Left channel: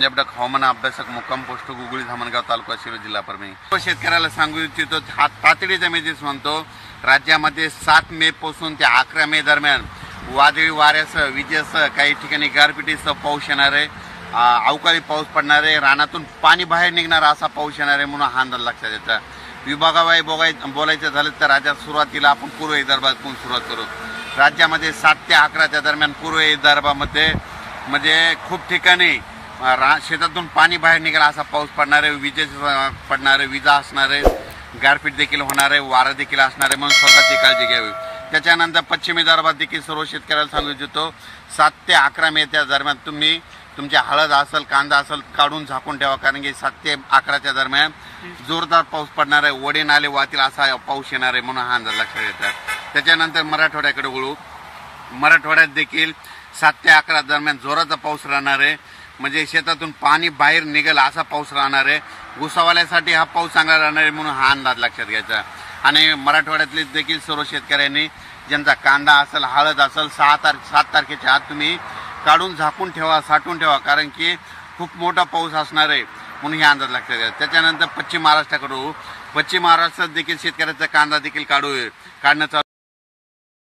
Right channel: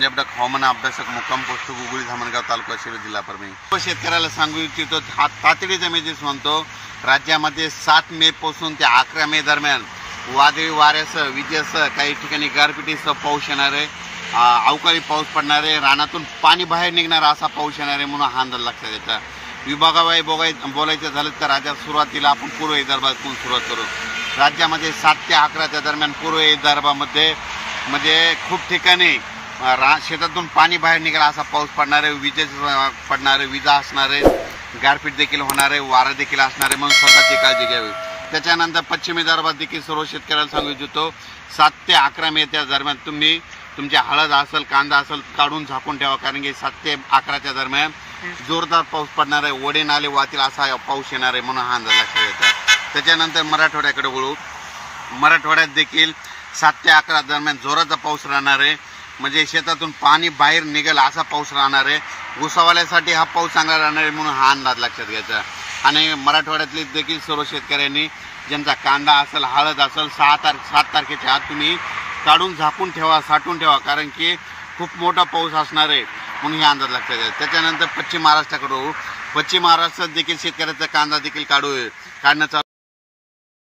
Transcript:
पंजाब हवामान अभ्यासक मुक्काम पोस्ट गुगळी धामणगाव तालुका शिरूर जिल्हा परभणी। शेतकऱ्याला सांगू इच्छितो हा तातडीचा मेसेज म्हणतो, राज्यामध्ये 7 मे पासून ते 11 मे दरम्यान वादळी वाऱ्यासह विजेसह काही ठिकाणी गारपिटीसह पाऊस येणार आहे, अवकाळी पाऊस पडणार आहे, रानातून पाणी बाहेर निघणार असा पाऊस येणार आहे म्हणून हा अंदाज लक्षात येतो। विभागाबाई बोलायचं झालं तर राज्यात सुरुवातीला आपण पूर्व विदर्भातून सुरुवात करू। राज्यामध्ये 7 ते 11 दरम्यान पूर्व विदर्भामध्ये म्हणजे खूप ठिकाणी शेतातून पाणी बाहेर निघाला असा पाऊस पडणार आहे, विजेचे पडणार आहे, विजा असणार आहे, गारपीट देखील होणार आहे, वारा देखील असणार आहे, म्हणून स्वतःची काळजी घ्यावी। त्याच्यानंतर पश्चिम विदर्भात देखील सर्व शेतकऱ्याला सांगू इच्छितो 7 ते 11 मे त्या दरम्यान तुम्ही तुमच्या हळद असेल, कांदा असेल काढून झाकून ठेवा, कारण की 7 ते 11 दरम्यान जोरदार पाऊस पडणार आहे, ओढे नाले वाहतील असा पाऊस येणार आहे म्हणून हा अंदाज लक्षात येतो। त्याच्यानंतर मराठवाड्याकडे वळू। मराठवाड्यात देखील 7 ते 11 दरम्यान जोराचा पाऊस राहणार आहे, म्हणजे शेतातून पाणी बाहेर निघेल असा पाऊस राहणार आहे। ऊसावाल्यासाठी हा पाऊस चांगला राहणार आहे म्हणून हा अंदाज लक्षात घ्यायचा। आणि मराठवाड्यातले देखील सर्व शेतकऱ्यांनी ज्यांचा कांदा असेल, हळद असेल 7 तारखेच्या आत तुम्ही काढून झाकून ठेवा, साठवून ठेवा, कारण की खूप मोठा पाऊस असणार आहे म्हणून हे अंदाज लक्षात घ्यायचा। त्याच्यानंतर पश्चिम महाराष्ट्राकडे, पश्चिम महाराष्ट्रात देखील शेतकऱ्याचा कांदा देखील काढणं